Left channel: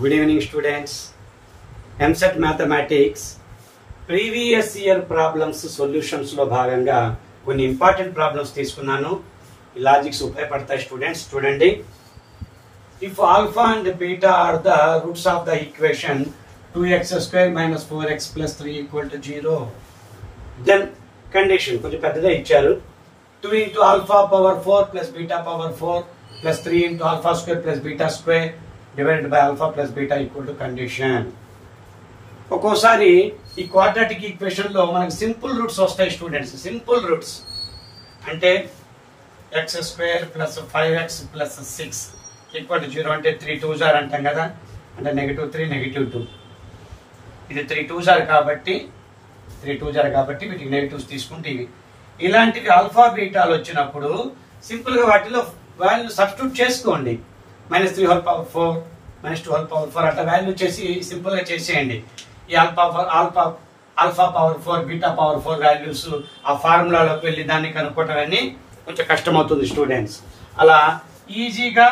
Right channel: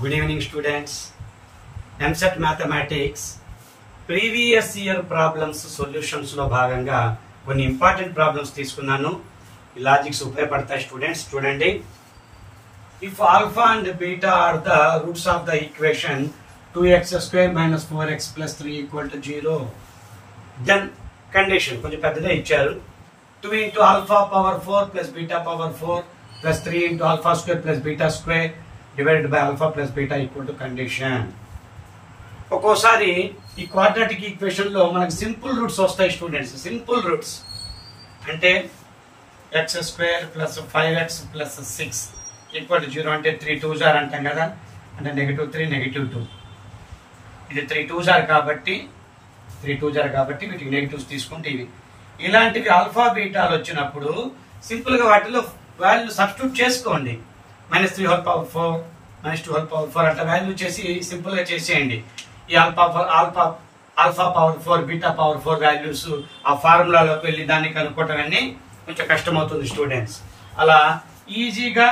Good evening students. MSET Mathematics previous year problems solutions లో భాగంగా కొన్ని ఇంపార్టెంట్ ప్రాబ్లమ్స్ తీసుకున్నాను. ఈ లాజిక్స్ ఉపయోగపడతాయి స్టూడెంట్స్. చూడండి, if alpha and beta are the roots of the equation 2x square minus 4x plus 3 equal to 0, then condition కొంచెం పెద్దగా ఇచ్చారు. 2 into alpha power 4 plus beta power 4 plus 3 into alpha square plus beta square divided by alpha plus beta equal to condition. ఒక్కోసారి ఈ quadratic equation లో మనకు simple roots వస్తాయి students. Simple roots అంటే x square plus 5x plus 6 equal to 0 అంటే 3 2s are అంటాం కదా, అంటే -3 -2. ఇది 3 2s are కాబట్టి వీటికి నెగటివ్స్ తీసుకుంటే ఇవి ఇలాంటివి ఆల్ఫా బీటాలు వచ్చినప్పుడు సింపుల్ గా వాటిలో వాల్యూ సబ్స్టిట్యూట్ చేసుకోండి. -3 హోల్ పవర్ 4 -2 హోల్ పవర్ 4 అట్లా వాల్యూ చేసి సింపుల్ గా చేసేయండి. ఈ alpha power 4 beta power 4 values ఆ ఫార్ములాలోకి వెళ్ళి దాన్ని కనుక్కోవటం అన్ని కొంచెం కష్టమవుతుంది స్టూడెంట్స్. అలా ఈజీగా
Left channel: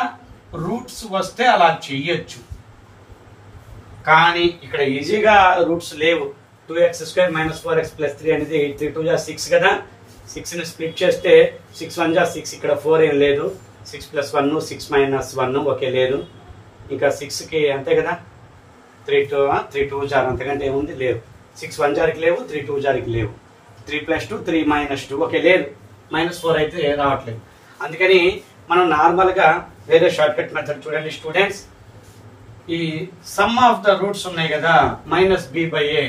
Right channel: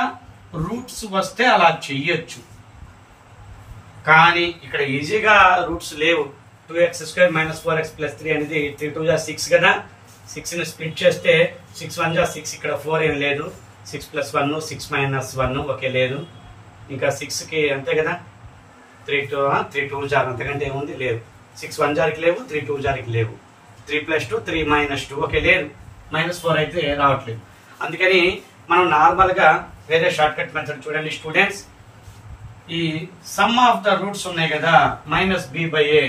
రూట్స్ వస్తే అలా చెయ్యొచ్చు, కానీ ఇక్కడ ఈజీగా రూట్స్ లేవు. 2x square minus 4x plus 3 అనేది 3 2 6 కదా. 6 ని స్ప్లిట్ చేస్తే 6 1 6, ఇక్కడ 4 ఏం లేదు. 6 + 1 6 - 1 ఓకే లేదు. ఇంకా 6 కి అంతే కదా, 3 2s are అంతకంటే ఏముంది లేదు. 6 1s కి లేవు, 3 2s కి లేవు. 3 + 2 3 - 2 ఓకే లేదు. -4 అయితే రావట్లేదు. అందుకని మనం నార్మల్ గా వేరే షార్ట్ కట్ మెథడ్ చూడండి స్టూడెంట్స్. ఈ సమ్ ఆఫ్ ద రూట్స్ ఉన్నాయి కదా, -b/a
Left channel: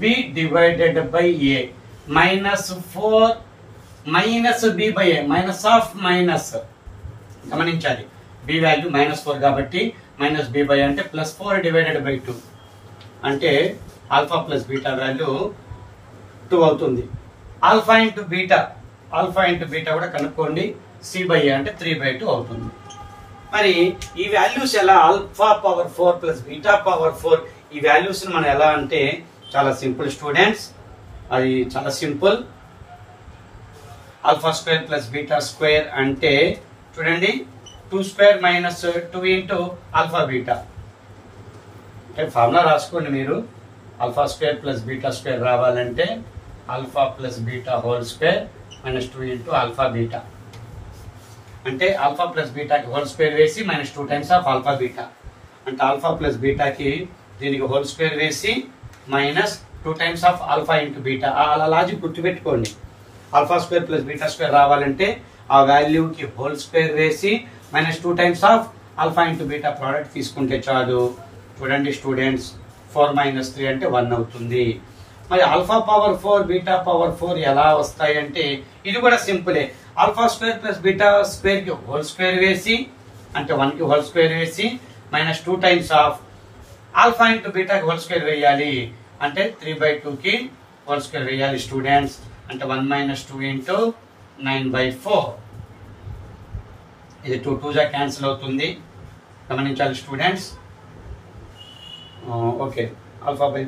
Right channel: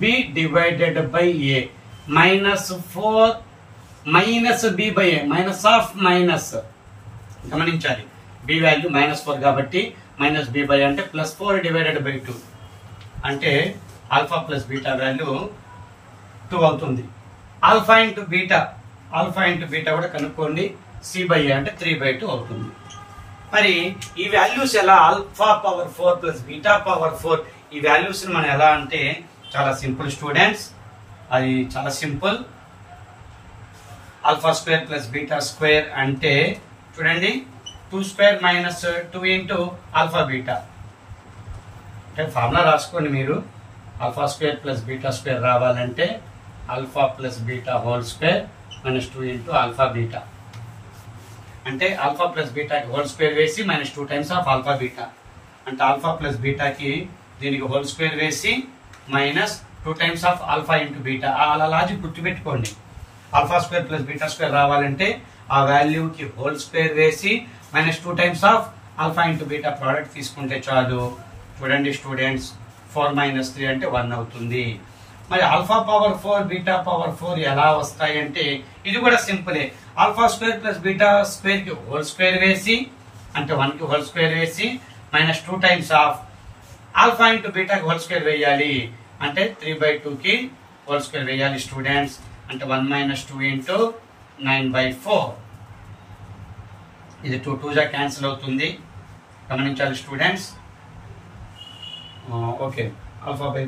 -b divided by a -4 -b/a minus of minus గమనించాలి. b వాల్యూ -4 కాబట్టి -b/a అంటే +4 డివైడెడ్ బై 2 అంటే ఆల్ఫా ప్లస్ బీటా వాల్యూ 2 అవుతుంది. ఆల్ఫా ఇంటూ బీటా కూడా కనుక్కోండి. c/a అంటే 3/2 అవుతుంది. మరి ఈ వాల్యూస్ ఎలా alpha power 4 plus beta power 4 ఈ వాల్యూస్ మనం ఎలా అంటే చాలా సింపుల్ స్టూడెంట్స్. అది చాలా simple. Alpha square plus beta square అంటే చూడండి 2 square minus 2 into alpha beta అంటే ఫార్ములా రాసుకోండి మీరు. Alpha square plus beta square రావాలంటే alpha plus beta whole square -2 into alpha beta అంటే ఆల్ఫా ప్లస్ బీటాకి హోల్ స్క్వేర్ వేసి -2 టైమ్స్ ఆఫ్ ఆల్ఫా బీటా అంటే ఆల్ఫా ప్లస్ బీటాకి దీనికి హోల్ స్క్వేర్ వేసి -2 times of alpha into beta. అలా లాజిక్ గుర్తుపెట్టుకోండి. Alpha square plus beta square రావాలంటే ఆ వాల్యూకి హోల్ స్క్వేర్ వేసి -2 times of alpha into beta product తీసుకుంటే చాలు. చూడండి స్టూడెంట్స్, 4 - 3 అంటే 1 అవుతుంది. మరి ఆల్ఫా పవర్ 4 బీటా పవర్ 4 ఎలా వస్తాయి అంటే ఇది కూడా సింపులే. Alpha square plus beta square కి హోల్ స్క్వేర్ వేసి అంటే 1 కి హోల్ స్క్వేర్ వేసి -2 టైమ్స్ ఆఫ్ ఆల్ఫా ఇంటూ బీటాకి హోల్ స్క్వేర్ వేయాలి అంటే 3/2 కి హోల్ స్క్వేర్ వేయాలి స్టూడెంట్స్. అంటే 1 - 2 ఇంటూ 9/4. ఇది 2 2s క్యాన్సిల్ అవుతుంది, గమనించాలి స్టూడెంట్స్. ఓకే, ఆల్ఫా బై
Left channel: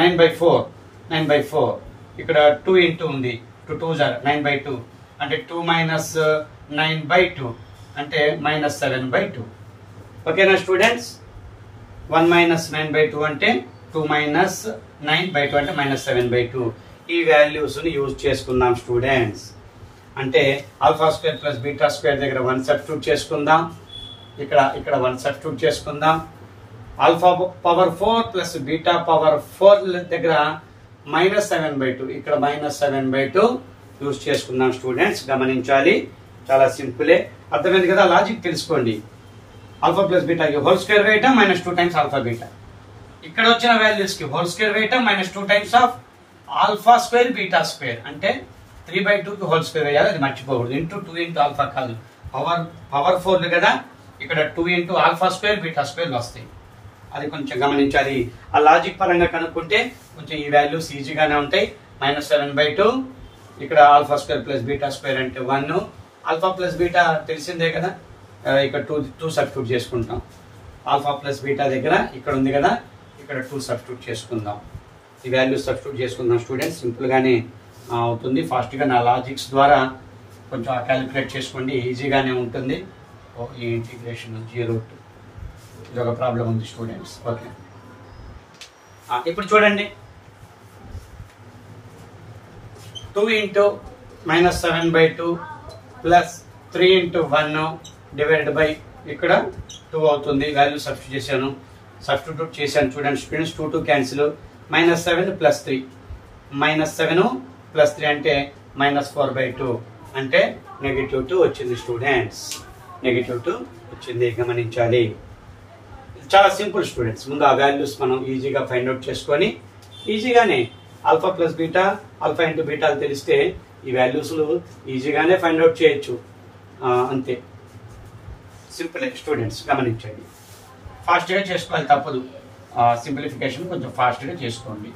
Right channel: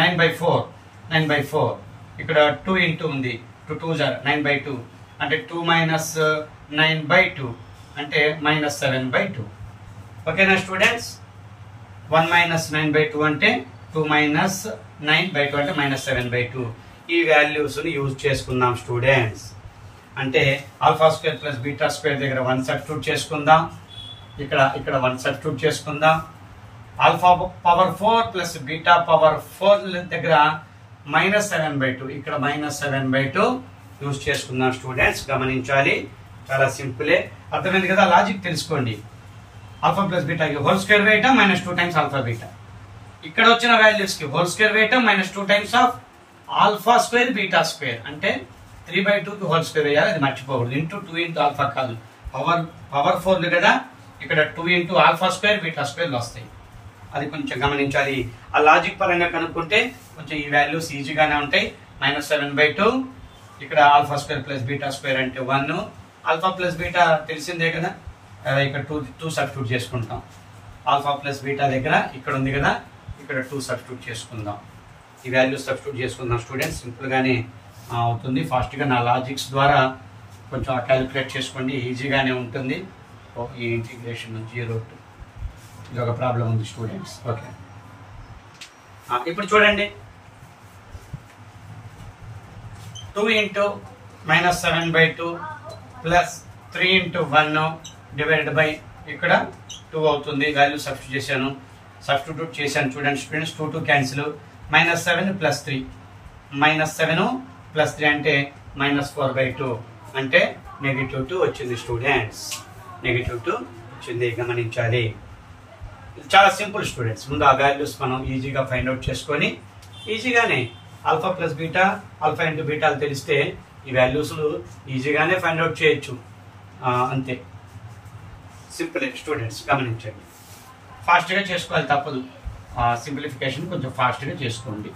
9/4 ఇక్కడ 2 ఇంటూ ఉంది. 2 2s 9/2 అంటే 2 - 9/2 అంటే -7/2. ఓకేనా స్టూడెంట్స్. 1 - 9/2 అంటే 2 - 9/2 అంటే -7/2. ఈ వాల్యూస్ ని యూజ్ చేసుకుందాం స్టూడెంట్స్. అంటే alpha square plus beta square దగ్గర 1 సబ్స్టిట్యూట్ చేసుకుందాం. ఇక్కడ 1 సబ్స్టిట్యూట్ చేసుకుందాం. Alpha power 4 plus beta power 4 దగ్గర -7/2 ఇక్కడ -7/2 యూజ్ చేసుకుందాం స్టూడెంట్స్. గమనించాలి, చాలా సింపులే. అర్థమైంది కదా, లాజిక్ తెలుసుకోండి. ఆల్ఫా ప్లస్ బీటాకి హోల్ స్క్వేర్ వేయటం -2 టైమ్స్ ఆల్ఫా బీటా. ఇక్కడ వచ్చిన వాల్యూస్ కి హోల్ స్క్వేర్ వేయటం -2 times of alpha square beta square అంటే 3/2 కి హోల్ స్క్వేర్ వేయాలి, అది మర్చిపోకూడదు. ఇంటూ 2 ఇంటూ ఆల్ఫా కాదు, పవర్ 4 కదా. ఇక్కడ 2 into alpha square beta square వస్తాయి, అది కొంచెం గమనించాలి. ఆ లాజిక్ పరంగా కనుక్కుంటే కొంచెం ఈ వాల్యూస్ ఈజీగానే ఉంటాయి. -7/2 ఇక్కడ alpha square plus beta square అంటే 1. ఆల్ఫా ప్లస్ బీటా తెలిసిందే కదా, ఇక్కడ 2 సబ్స్టిట్యూట్ చేసుకుంటాం. ఆల్ఫా ప్లస్ బీటా దగ్గర ఇక్కడ ఉంది కదా, ఇక్కడ 2 సబ్స్టిట్యూట్ చేసుకుందాం. ఈ వాల్యూస్ సబ్స్టిట్యూట్ చేసుకుందాం స్టూడెంట్స్. సింపుల్ గానే అవుతుంది. ఫాస్ట్ గా నా లాజిక్స్ ద్వారా కొంచెం క్యాలిక్యులేట్ చేసుకోండి, ఈజీగానే ఉంటుంది. ఈ ఇంటిగ్రేషన్ 0 to ఇది ఒక ప్రాబ్లం ఉంది స్టూడెంట్స్. ఓకే, ఇప్పుడు చూడండి 2 into -7/2 plus 3 into 1 divided by ఇక్కడ 2 అవుతుంది. వాల్యూ సబ్స్టిట్యూట్ చేశాను చూడండి స్టూడెంట్స్. 2 2 క్యాన్సిల్. -7 + 3 -7 + 3 అంటే -4/2 అంటే -2 వచ్చింది స్టూడెంట్స్. -2 వచ్చింది, గమనించాలి. చాలా సింపుల్ స్టూడెంట్స్. ముందు ఆ వాల్యూస్ మనం ఈజీగా ఫైండ్ అవుట్ చేసుకొని ఈజీగానే alpha plus beta, alpha into బీటాలు తెలిస్తే ఈ వాల్యూస్ ఈజీగానే ఫైండ్ అవుట్ చేయొచ్చు. అంతే, సింపుల్ స్టూడెంట్స్, గమనించండి. ఫాస్ట్గా చేసుకోవాలి, తప్పదు. సింప్లిఫికేషన్ కొంచెం ఫాస్ట్గా చేసుకోండి.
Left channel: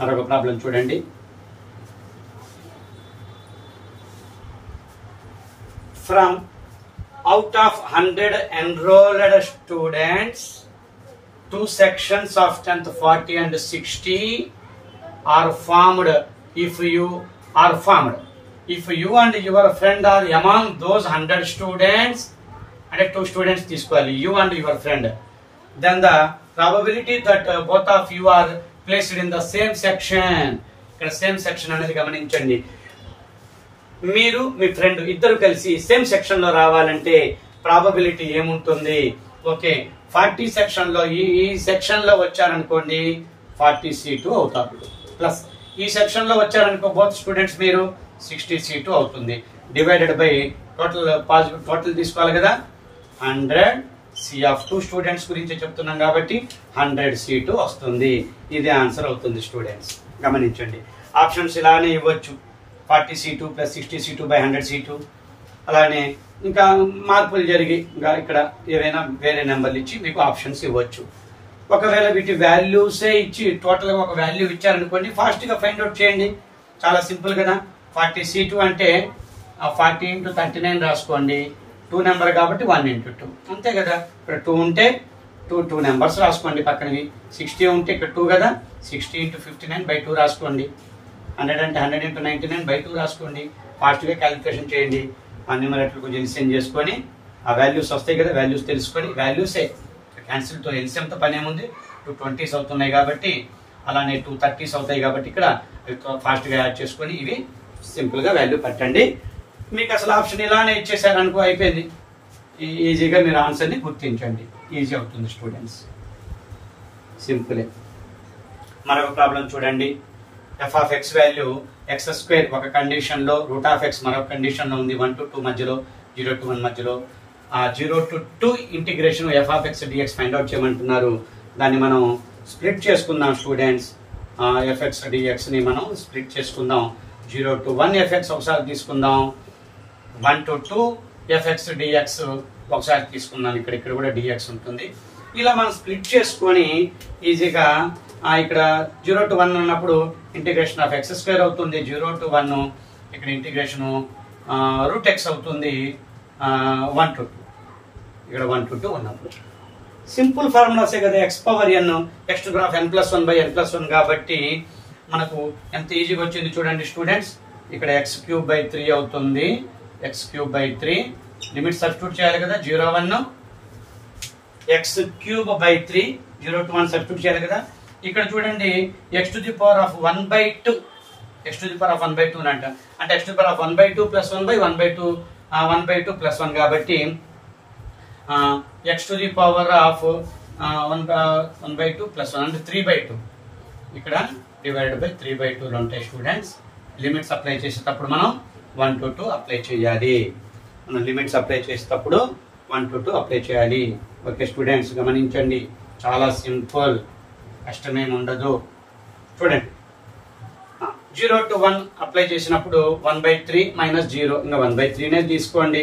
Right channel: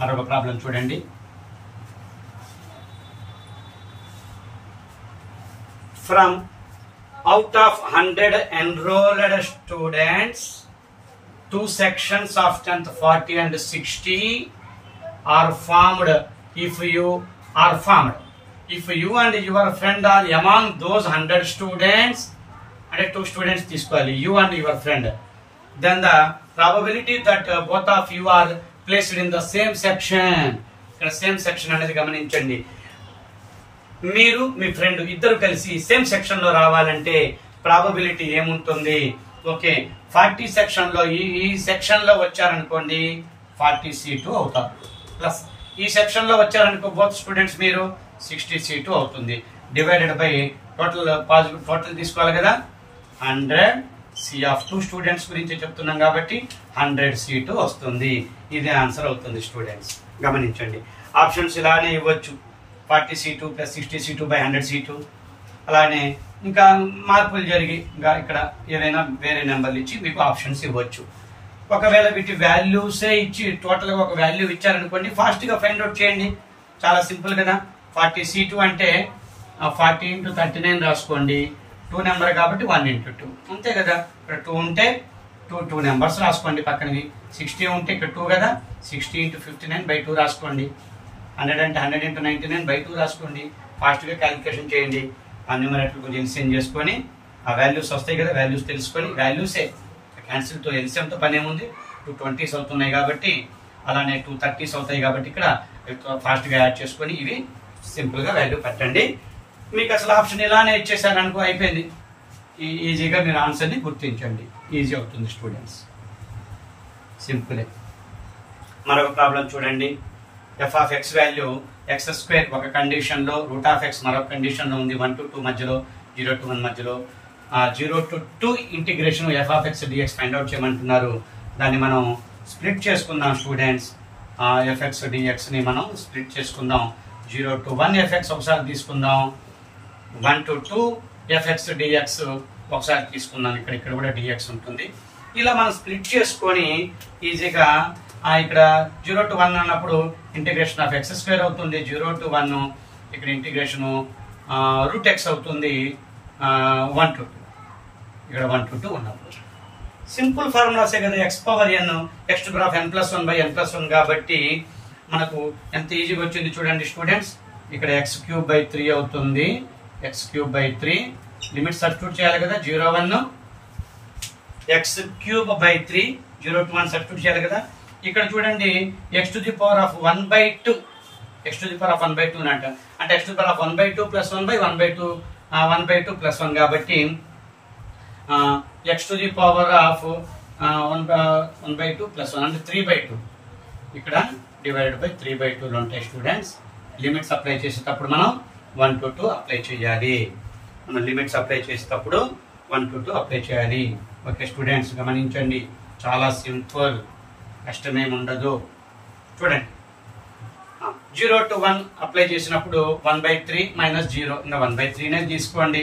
మరొక ప్రాబ్లం చూడండి. From out of 100 enrolled students, 2 sections of 10th 40 and 60 are formed if you and your friend are among those 100 students, and 2 students తీసుకోవాలి, you and your friend, then the probability that both of you are placed in the same section. ఇక్కడ same section అనేది గమనించండి. మీరు మీ friend ఇద్దరు కలిసి same section లో రావాలంటే probability ఏముంటుంది? ఓకే, 40 సెక్షన్ లో ఈ సెక్షన్ లో వచ్చారనుకోండి 40C2 అవుతారు. ప్లస్ ఈ సెక్షన్ లో వచ్చారనుకో బోత్ స్టూడెంట్స్ మీరు 60C2 అవుతుంది. డివైడెడ్ బై టోటల్ తీసుకోవాలి కదా, 100C of 2 స్టూడెంట్స్ గురించి చెప్తున్నాం కాబట్టి 100C2 వస్తుంది. ఇది ఆన్సర్ అవుతుంది స్టూడెంట్స్, గమనించండి. ఆప్షన్స్ ఇలానే ఇవ్వచ్చు, 40C2 + 60C2 / 100C2. అలానే ఇంకా మార్పులు జరిగి ఇంకా ఇక్కడ ఏదైనా వేరే నెంబర్లు ఇచ్చి మీకు ఆప్షన్స్ ఇవ్వచ్చు. ఒకవేళ వీటి వాల్యూసే ఇచ్చి టోటల్ గా ఒక వాల్యూ ఇచ్చారనుకోండి, ఫాస్ట్ గా ఫైండ్ అవుట్ చేయండి. చాలా సింపుల్ కదా. 40C2 అంటే 40 × 39 రాసుకోండి. 2 నెంబర్ కాబట్టి 1 × 2 అంతే కదా. ఇక్కడ 2 ఉంటే 2 నెంబర్స్ రాసుకోండి పక్కనవి. 60 ఉంటే ఇక్కడ 2 కదా, 60 × 59/2 రాసుకోండి. 100 అంటే 100 × 99/2 రాసుకోండి. ఫాస్ట్ గా క్యాలిక్యులేషన్ చేయండి. ఆ న్యూమరేటర్ కొంచెం ఎల్సిఎం చేసుకొని ఆ వాల్యూస్ వస్తాయి కదా, వాల్యూస్ తెలుసుకొని వాల్యూసే క్యాన్సిల్ తో ఎల్సిఎంతో పని ఏముంది. 2 20s అవుతున్నాయి కాబట్టి, అలానే 2 30s అవుతాయి కాబట్టి ఇక్కడ ఫాస్ట్ గా యాడ్ చేసుకొని ఇవి సింపుల్ గా వాల్యూ పట్టండి. మీకు అసలు ఆప్షన్ ఇలానే ఇచ్చేసారనుకో అయిపోయింది. ఈజీగా మీరు ఆన్సర్ ని గుర్తించండి, ఈజీ అవుతుంది స్టూడెంట్స్, సింపులే. మరొక ప్రాబ్లం చూడండి. f(x) వాల్యూ x² ఒక కండిషన్ లో, √(x) మరొక కండిషన్ లో ఉంది. 1 to 2 మధ్యలో, 0 to 1 మధ్యలో. 0 to 2 integration f(x) dx find out చేయమంటున్నారు. దాన్ని మనం స్ప్లిట్ చేసుకుందాం స్టూడెంట్స్. fx dx ని మనం స్ప్లిట్ చేసుకుందాం. 0 to 1 fx ఒకసారి తీసుకుందాం, 1 to 2 fx dx ఒకసారి తీసుకుందాం. ఇక్కడ కూడా dx ఉంటుంది. ఇలా మనం స్ప్లిట్ చేసుకొని ఈజీగా ఇక్కడ 0 to 1 అన్నప్పుడు ఇంటిగ్రేషన్ ఆఫ్ x² అవుతుంది. 0 to 1 ఇక్కడ ఇంటిగ్రేషన్ √x అవుతుంది. 1 to 2 ఇక్కడ 1 to 2 ఉన్నప్పుడు సింపుల్ ఫార్ములాసే కదా. x⁴n n+1/n+1 కాబట్టి మనకు ఎంత ఈజీగా వచ్చింది చూడండి స్టూడెంట్స్. ఇక్కడ x³ 3 అవుతుంది. x³ లిమిట్ సబ్స్టిట్యూట్ చేయాలి కదా. 0 1 x³ 3 0 to 1 సబ్స్టిట్యూట్ చేయాలి కదా. ఇక్కడ చూడండి x⁴1/2 x⁴1/2 అని అంటాం. అంటే x⁴1/2 + 1/1/2 1/2 + 1 కాబట్టి x⁴1/2 + 1 అంటే 3/2 ఇక్కడ డివైడెడ్ బై 3/2 ఉంటాయి స్టూడెంట్స్. లిమిట్స్ అప్లై చేసేటప్పుడు మనం 1 to 2 అప్లై చేయాలి. మనం లిమిట్స్ అప్లై చేసేటప్పుడు 1 to 2 అప్లై చేయాలి. ఓకే స్టూడెంట్స్, గమనించండి, చాలా సింపుల్, కష్టమేం ఉండదు. చూడండి 0 to 1 అప్లై చేసినప్పుడు 1/3 - 0 ఇంకా 1/3 తీసుకోండి.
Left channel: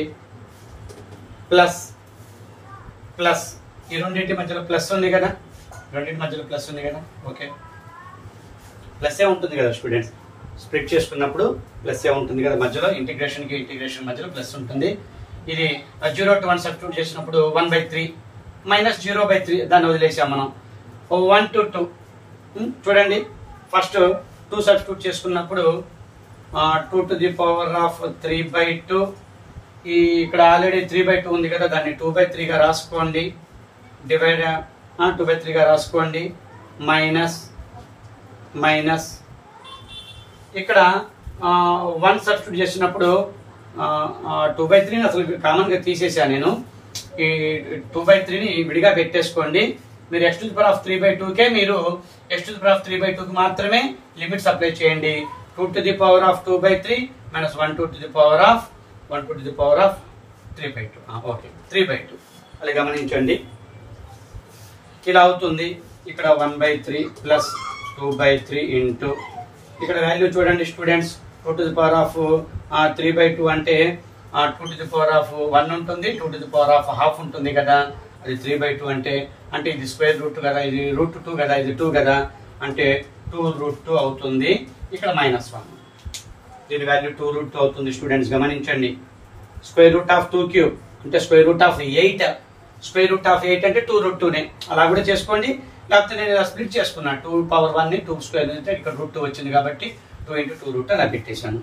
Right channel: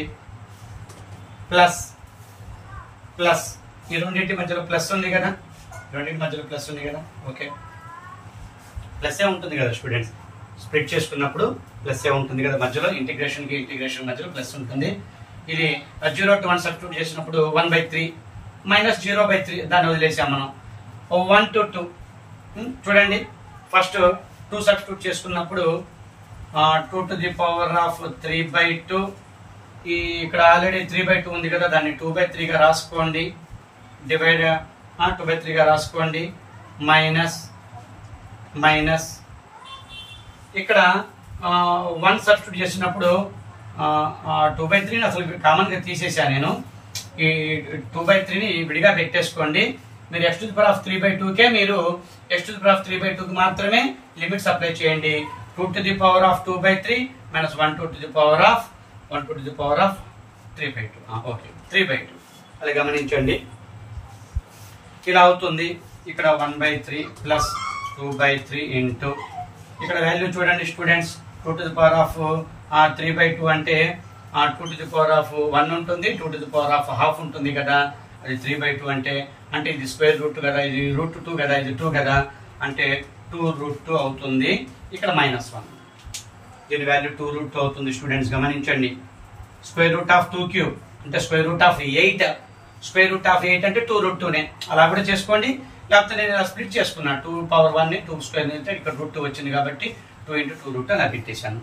ప్లస్ ఈ రెండింటి మధ్యలో ప్లస్ ఉంది కదా, ఓకే ప్లస్ ఏ ఉంటుంది కదా స్టూడెంట్స్. స్ప్లిట్ చేసుకున్నప్పుడు ప్లస్ ఏ ఉంటుంది కదా మధ్యలో, ఇంటిగ్రేషన్ మధ్యలో ప్లస్ ఉంటుంది. ఇది 0 to 1 సబ్స్టిట్యూట్ చేసినప్పుడు 1/3 - 0/3 దాన్ని వదిలేసాం మనం. 1 to 2 చూడండి. ఫస్ట్ 2 సబ్స్టిట్యూట్ చేసుకున్నప్పుడు 2 to the power of 3/2 ఇక్కడ ఆల్రెడీ 3/2 ఉంది కదా, దాన్ని 2/3 గా రాసుకోండి. డివైడ్ 2/3 గా రాసుకోండి మైనస్ మైనస్ ఇక్కడ 1 సబ్స్టిట్యూట్ చేసినప్పుడు 2/3 అసలు కామన్ గా తీసేసా నేను. ఈ 2/3 విడిగా పెట్టేసుకోండి. మీరు x⁻³ కే మీరు x⁻³ కి మాత్రమే లిమిట్స్ అప్లై చేయండి. 2⁻² మైనస్ 1⁻³ ఓకే 3/2 అది గమనించండి. ఇలా అవుతుంది. ఇక్కడ 1/3 ప్లస్ 2/3 ఇంటూ ఇక్కడ వాల్యూ చూడండి స్టూడెంట్స్. 2⁻³ అంటే 2⁻1 ఉంటుంది, 2⁻½ ఉంటుంది కదా. అది 3/2 అంటే ఇది స్క్వేర్ రూట్ కదా, ఇది √2 కదా, ఇది 2 కదా, అంటే 2√2 అవుతుంది. ఇక్కడ -1 దీని వాల్యూ 2√2 అవుతుంది స్టూడెంట్స్ గమనించండి. √2³ అంటే √8. √8 అంటే 2√2నే అలా కూడా చేసుకోండి. లేకపోతే నేను స్ప్లిట్ చేసుకున్నా 2⁻1 ని 2² అంటే ఇక్కడ √2 వచ్చింది కాబట్టి 2 × 2√2 అలా పెట్టేశాను.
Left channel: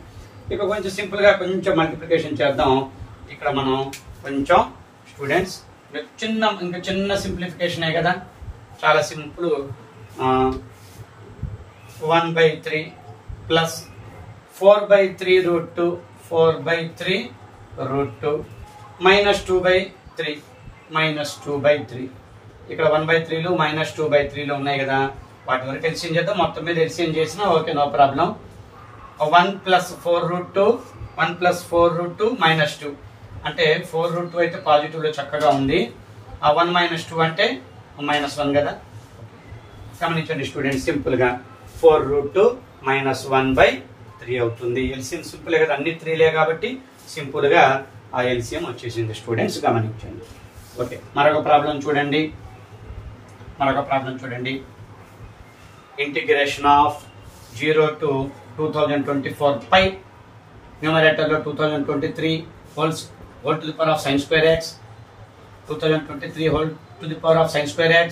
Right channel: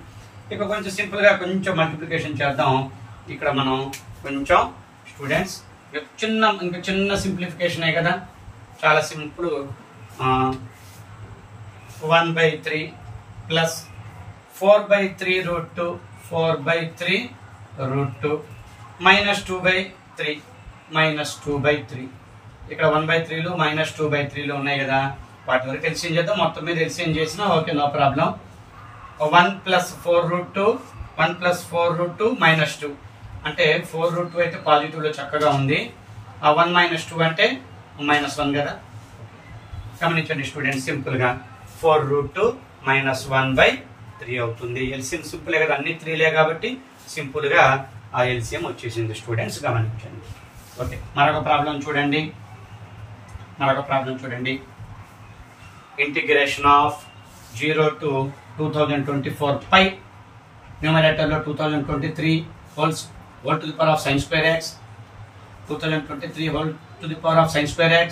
ఇక కొంచెం సింపుల్ గా కొంచెం మల్టిప్లికేషన్ చేద్దాం. ఇక్కడ మనం కొంచెం స్టూడెంట్స్ ఇంకా చిన్న సింప్లిఫికేషన్ కదా, చాలా సింపుల్. 1/3 plus 4/3√2 4/3√2 minus 2/3 minus 2/3. ఇక్కడ 1/3లు మైనస్ 2/3లు ఉన్నాయి కదా, వాటి వరకు ఎల్సిఎం చేద్దాం. మొత్తం మీద ఎల్సిఎం చేసినా ఓకే, నో ప్రాబ్లం. 1 + 4√2 1 + 4√2 -2 అంటే 4√2 అయితే పాజిటివ్ లో చక్కగా ఉంది. ఆ 1 - 2 అంటే -1 కదా. గమనించండి స్టూడెంట్స్ సింపుల్ గా 4√2 - 1/3 అవుతుంది. ఎల్సిఎం సింపుల్ కదా, అన్ని 3లే కాబట్టి సింపుల్ గా ఆ ఎల్సిఎం వచ్చేసింది స్టూడెంట్స్ గమనించండి. ఓకే, మరొక ప్రాబ్లం చూడండి. ఇంటిగ్రేషన్ ఆఫ్ 0 to 2024 పై న్యూమరేటర్ లో 2023 whole to the power of sin square x 2023 whole to the power of sin square x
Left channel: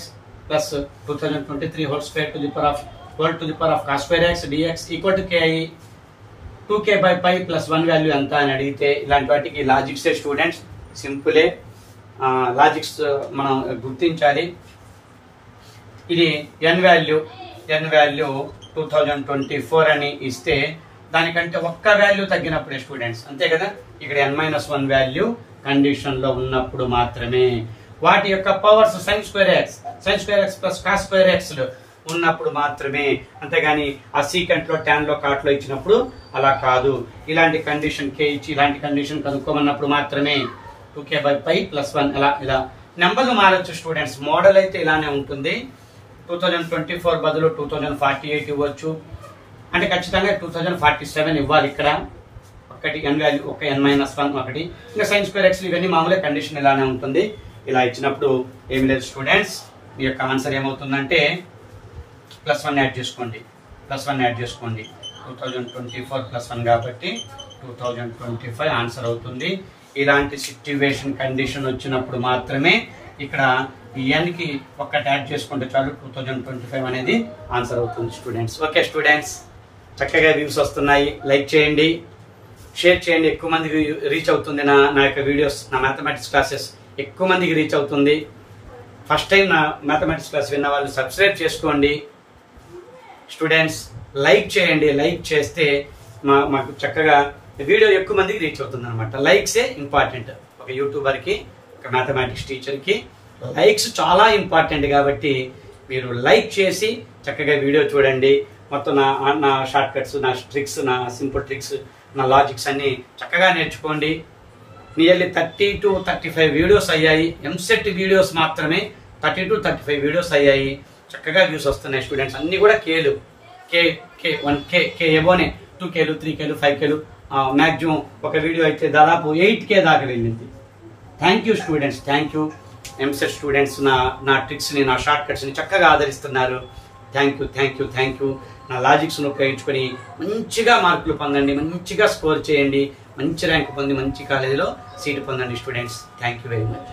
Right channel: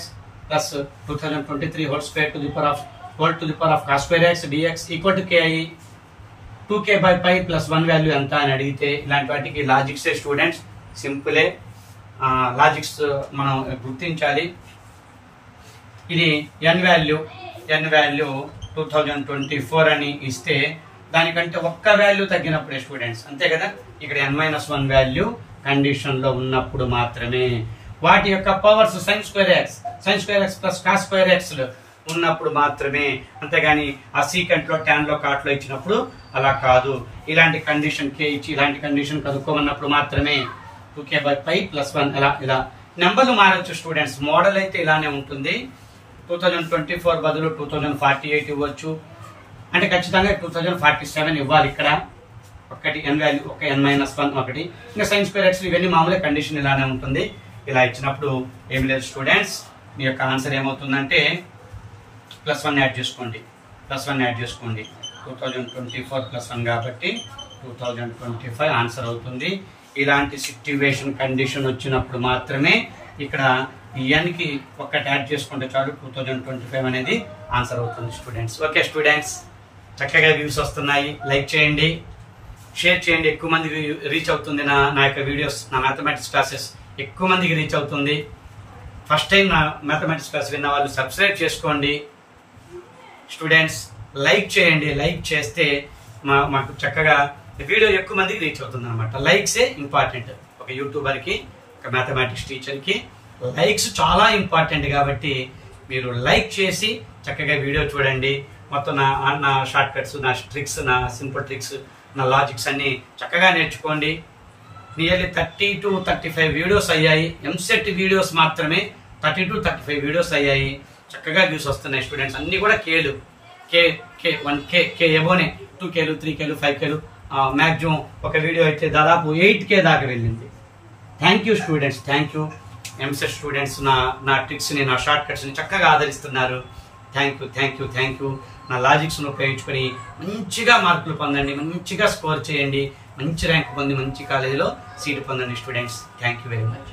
plus 2023 whole square to the power of cos square x dx equal to ki 2k/π plus 1 value ఎంత అని అడిగితే ఇలాంటి వాటికి logics students సింపులే. Logics మనం గుర్తించాలి. ఇది n value 2024 అని ఇస్తే దానికంటే ఒక్క వాల్యూ తగ్గినప్పుడే స్టూడెంట్స్, అంతే కదా. ఇక్కడ n-1 వాల్యూ కండిషన్ లో ఉన్నప్పుడు మాత్రమే వాటి యొక్క powers sin square x plus cos square x ఉన్నప్పుడు మాత్రమే, అంతేగాని ఆ సీకెంట్ లో tan లో కాట్ లో ఇచ్చినప్పుడు అలా కాదు. ఇలాంటి కండిషన్ కే ఇచ్చి ఇలాంటి కండిషన్ కనుక్కోమన్నప్పుడు మాత్రమే 2k/π + 1 ఇలా నెంబర్లు మారచ్చు స్టూడెంట్స్. మోడల్ అయితే ఇలానే ఉంటుంది. 2024 బదులు 2048 ఇవ్వచ్చు, అంటే ఖచ్చితంగా 2047 ఇవ్వాలి. ఇక్కడ ఒకటి n వాల్యూ ఒక n-1 ఒకటి, ఇంకా sin square x ఇవన్నీ మామూలుగా కండిషన్ ఇలానే ఉంటుంది. ఇలా ఇచ్చినప్పుడు ఏమి లేదు స్టూడెంట్స్, మీ యొక్క ఆన్సర్ ఏమవుతుందంటే +1 యాడ్ చేసుకోండి. 2024 +1 కాబట్టి 2025 ఆన్సర్ అవుతుంది. ఇలాంటి సిట్యువేషన్ కండిషన్ వచ్చినప్పుడు మాత్రమే ఇక్కడ n కి ఒక్కటి యాడ్ చేసుకుంటే చాలు 2025 అనేది ఆన్సర్ అవుతుంది స్టూడెంట్స్. ఓకే స్టూడెంట్స్, చక్కగా వ్యూస్ వస్తున్నాయి. లైక్ చేయండి, షేర్ చేయండి, ఎక్కువ మందికి రీచ్ అవుతుంది నా యొక్క వీడియోస్. నా మ్యాథమెటిక్స్ క్లాసెస్ ఎక్కువ మందికి రీచ్ అవుతుంది. ఫస్ట్ టైం నా మ్యాథమెటిక్స్ క్లాస్ విన్న వాళ్ళు సబ్స్క్రైబ్ చేసుకోండి స్టూడెంట్స్. లైక్ చేయండి, లైక్ చేస్తే మాకు చక్కగా వీడియో ఎక్కువ మందికి రీచ్ అవుతుంది అనమాట. లైక్సే ఇంపార్టెంట్. ఒక యూట్యూబర్ కి, ఒక మ్యాథమెటిక్స్ టీచర్ కి లైక్స్ చాలా ఇంపార్టెంట్ కాబట్టి మీరు లైక్ చేసి చక్కగా వీడియో చూడండి. మొత్తం నా షార్ట్ కట్స్, నా ట్రిక్స్, నా సింపుల్ ట్రిక్స్, నా లాజిక్స్ అన్ని చక్కగా నేర్చుకోండి. నియర్లీ 30 to 35 వీడియోస్ అయ్యాయి. ఎంసెట్ వీడియోస్ మాత్రమే 30 to 35 వీడియోస్ అయ్యాయి. చక్కగా వ్యూస్ వస్తున్నాయి స్టూడెంట్స్. అన్ని కూడా కేలు, కే ఎబోనే 2Kలు 3Kలు 5Kలు మ్యాక్సిమం ఒక వీడియో అయితే దాదాపు 8K దాకా వెళ్ళింది. Thank you students, thank you. EAMCET students నా ట్రిక్స్ ని, నా షార్ట్ కట్స్ ని చక్కగా ఆదరిస్తున్నారు. Thank you. నా లాజిక్స్ ను ఉపయోగించుకొని మంచిగా మార్కులు పొందండి, మంచిగా స్కోర్ చేయండి, మంచి ర్యాంక్ పొంది మంచి కాలేజీలో సీటు పొందండి students. Thank you very much.